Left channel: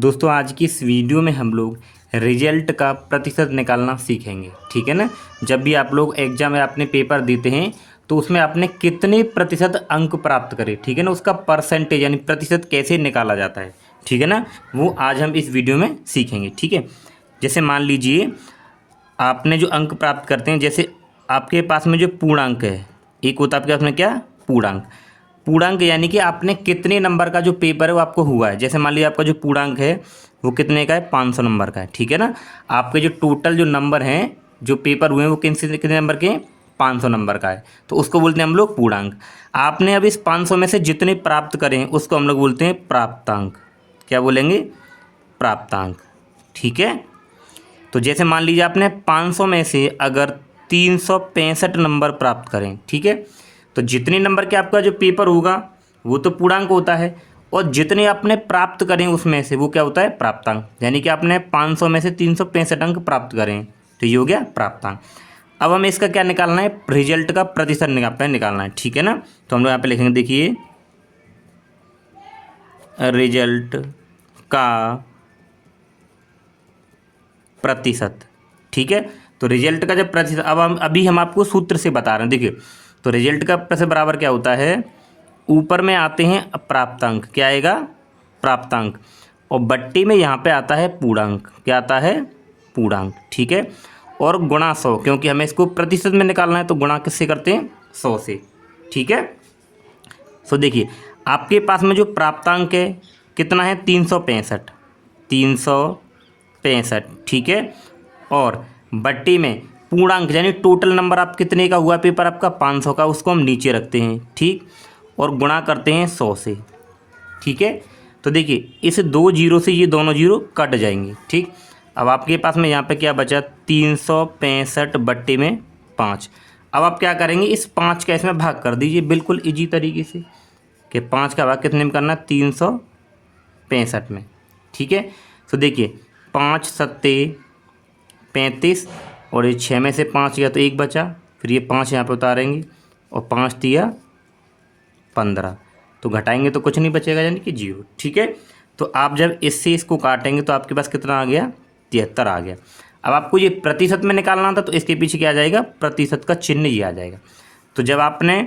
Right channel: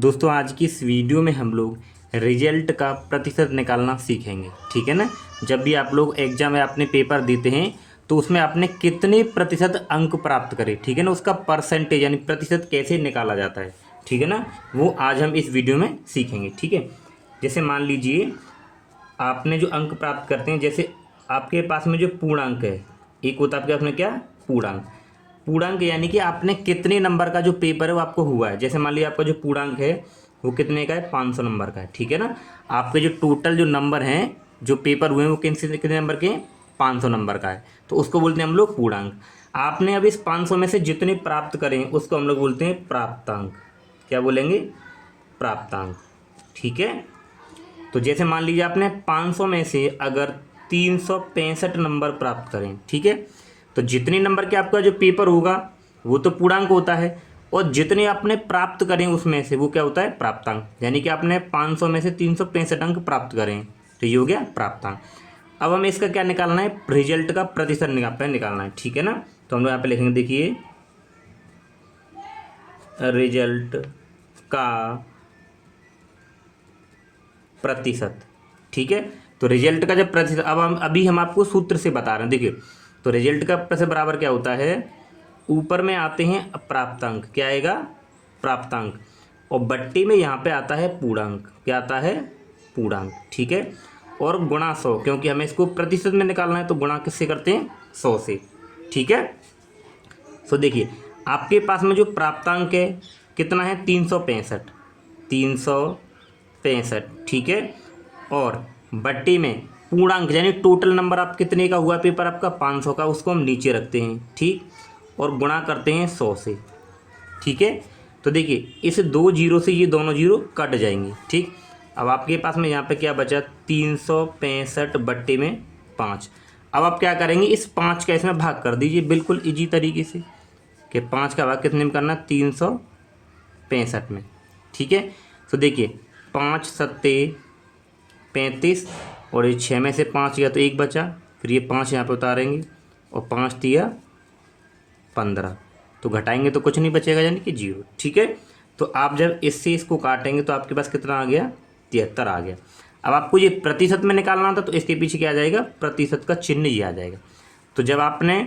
दोस्तों आज की इस वीडियो में हम लोग रिजल्ट का प्रतिशत निकालना सीखेंगे, ठीक है ना। जब भी आप लोग एग्जाम में अपने पेपर देते हैं तो उसमें आपने कितने प्रतिशत अंक प्राप्त करे, ठीक है ना, उसका परसेंटेज यानी प्रतिशत कैसे निकाला जाता है, ठीक है ना, वो आज हम इस वीडियो में सीखेंगे, ठीक है। जैसे मान लीजिए आपने जो अंक प्राप्त करते हैं, जैसे आपके पास में जो पूर्णांक है, एक होता है आपके पास में क्या, पूर्णांक। पूर्णांक यानी कि आपने कितने नंबर का जो पेपर है वो आपको हुआ है। जैसे मान लीजिए आपका जो पूर्णांक है वो कितने का है, 500 नंबर का है, ठीक है ना। आपके जो टोटल जो नंबर हैं जो पेपर हुए हैं वो कितने नंबर के, 500 नंबर का है, तो उसको बोलते हैं हम लोग पूर्णांक। आपने अब इस 500 में से जितने प्राप्त करें हैं उसको हम लोग बोलते हैं प्राप्तांक। क्या बोलेंगे, प्राप्तांक, ठीक है। तो जैसे मान लीजिए आपने 500 में से अगर 365 नंबर प्राप्त करें, ठीक है, तो जितने नंबर के आपका जो पेपर होगा वो तो पूर्णांक होता है, और जितने आपने प्राप्त करें उसमें से वो क्या होता है, प्राप्तांक। यानी कि आपने 500 में से 365 अंक प्राप्त करें तो ये हो गया प्राप्तांक। अब हमें इसका क्या निकालना है, रिजल्ट का प्रतिशत निकालना है, ठीक है ना। तो हम लोग यहाँ पे लिखेंगे, देखिए रिजल्ट का प्रतिशत, ठीक है। तो रिजल्ट का जब प्रतिशत, अब हम आपको सूत्र से बता रहे हैं, देखिए। तो रिजल्ट का प्रतिशत बराबर क्या होता है, ऊपर में आते हैं प्राप्तांक, क्या आएगा, प्राप्तांक, और बट्टी में यहाँ पे आता है पूर्णांक, क्या आता है, पूर्णांक, ठीक है। और गुणा 100, क्योंकि हमें इसको प्रतिशत में निकालना है तो गुणा किससे करते हैं, 100 से, ठीक है। तो देखिए आपके पास में जो प्राप्तांक है कितना है, 365, 365, ठीक है। और बट्टी में पूर्णांक यानी टोटल नंबर आप कितने का हुआ पेपर आपका, 500 का, उसको हम नीचे रखते हैं, ठीक, और गुणा करते हैं 100 से, ठीक है। तो देखिए इस 2 जीरो से ये दोनों जीरो कट जाएंगे, ठीक। अब आपके पास में यहाँ पे क्या बचा, 365 बट्टे में 5। अब आप क्या करेंगे, इस 5 का इसमें भाग कर दीजिए बिल्कुल इजी तरीके से, कि 5 का भाग कितने में करना, 365 में, ठीक है। तो देखिए 5 सत्ते 35, और ये 6 में से 5 गया तो 1 बचा, फिर ये 5 यहाँ पे उतारेंगे, और 5 दिया 15, तो घटाएंगे तो कुछ नहीं बचेगा यानी कि 0, ठीक है। तो आप जब इससे इसको काटेंगे तो आपके पास कितना आ गया, 73 आ गया। अब आपको ये प्रतिशत में निकालना था तो इसके पीछे क्या आ जाएगा, प्रतिशत का चिन्ह ही आ जाएगा। तो जब आपने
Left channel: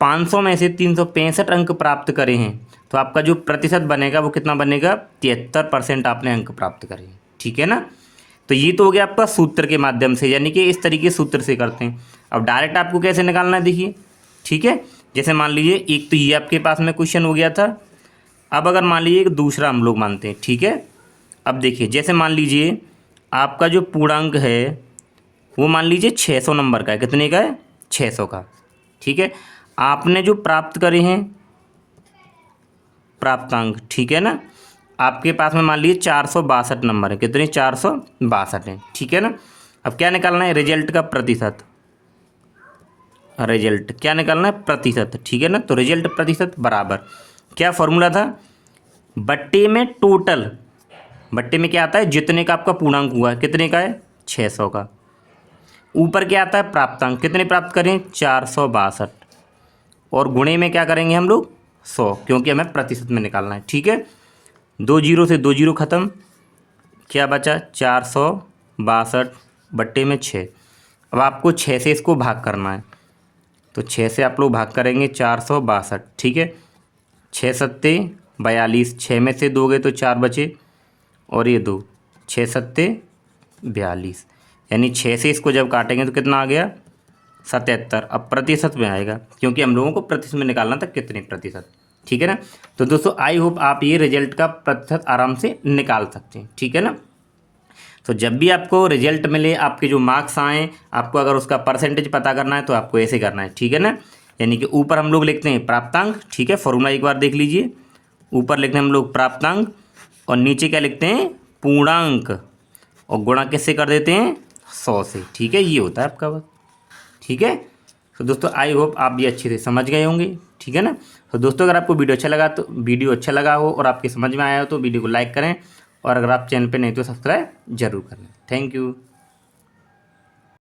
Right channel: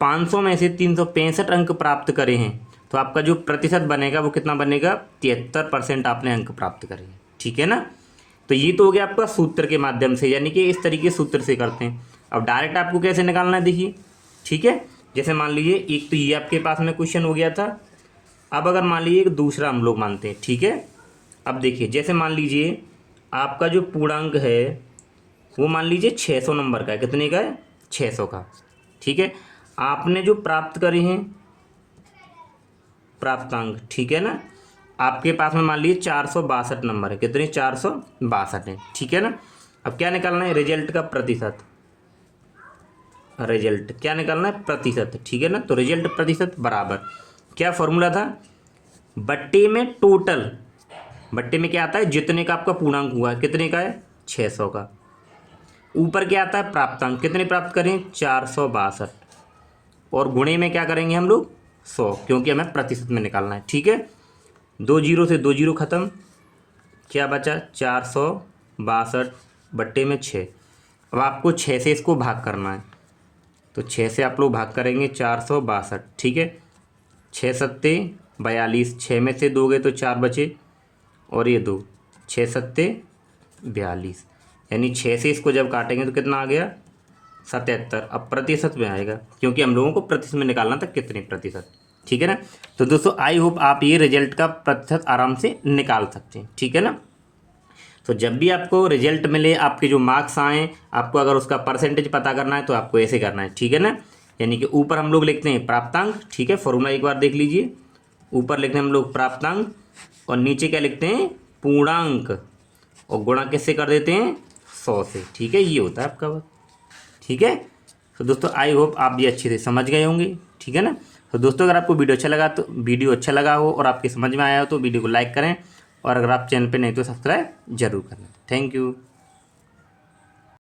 500 में से 365 अंक प्राप्त करे हैं तो आपका जो प्रतिशत बनेगा वो कितना बनेगा, 73% आपने अंक प्राप्त करे हैं, ठीक है ना। तो ये तो हो गया आपका सूत्र के माध्यम से, यानी कि इस तरीके सूत्र से करते हैं। अब डायरेक्ट आपको कैसे निकालना है, देखिए, ठीक है। जैसे मान लीजिए एक तो ये आपके पास में क्वेश्चन हो गया था। अब अगर मान लीजिए एक दूसरा हम लोग मानते हैं, ठीक है। अब देखिए जैसे मान लीजिए आपका जो पूर्णांक है वो मान लीजिए 600 नंबर का है, कितने का है, 600 का, ठीक है। आपने जो प्राप्त करे हैं प्राप्तांक, ठीक है ना, आपके पास में मान लीजिए 462 नंबर है, कितने, 462 है, ठीक है ना। अब क्या निकालना है, रिजल्ट का प्रतिशत, रिजल्ट क्या निकालना है, प्रतिशत, ठीक है ना। तो रिजल्ट प्रतिशत बराबर क्या फॉर्मूला था, बट्टे में टोटल, बट्टे में क्या आता है, जितने का आपका पूर्णांक हुआ है, कितने का है, 600 का, ऊपर क्या आता है प्राप्तांक, कितने प्राप्त करें, 462, और गुणे में क्या करेंगे हम लोग, 100, क्योंकि हमें प्रतिशत में निकालना है, ठीक है। 2 जीरो से 2 जीरो खत्म, क्या बचा, 462 बट्टे में 6। अब आपको 6 से इसको भाग करना है, तो 6 से आप लोग भाग करेंगे 462, ठीक है। 6 सत्ते 42, 6 में से 2 गए तो 4 बचे, और ये 2, 6 सत्ते 42, यानी 6 से इसको जब काटेंगे तो कितना आ गया, 77। अब प्रतिशत में आएगा क्योंकि हम लोगों को प्रतिशत में निकालना था कितने प्रतिशत, ठीक है ना। तो दोस्तों आई होप आप ये रिजल्ट का प्रतिशत आराम से निकाल सकते हैं, ठीक है ना। तो जब भी आपको रिजल्ट मिले, आपके जो मार्क्स आएँ, आपको अगर उसका परसेंटेज पता करना है तो आपको ऐसे करना है, ठीक है ना। यानी कि ऊपर हम लोग लिखते हैं प्राप्तांक, ठीक है, फॉर्मूला एक बार देख लीजिए। ऊपर लिखते हैं हम लोग प्राप्तांक, और नीचे क्या लिखते हैं, पूर्णांक, और गुणा किससे कर देते हैं, 100 से, ठीक है। ये होता है आपका बस, ठीक है। तो दोस्तों आई होप आप भी अच्छे से समझ गए होंगे, ठीक है ना। तो दोस्तों अगर आपको वीडियो अच्छा लगा हो और आपके समझ में आया हो तो वीडियो को लाइक करें, और अगर आप चैनल पे नहीं तो सब्सक्राइब जरूर करें। Thank you.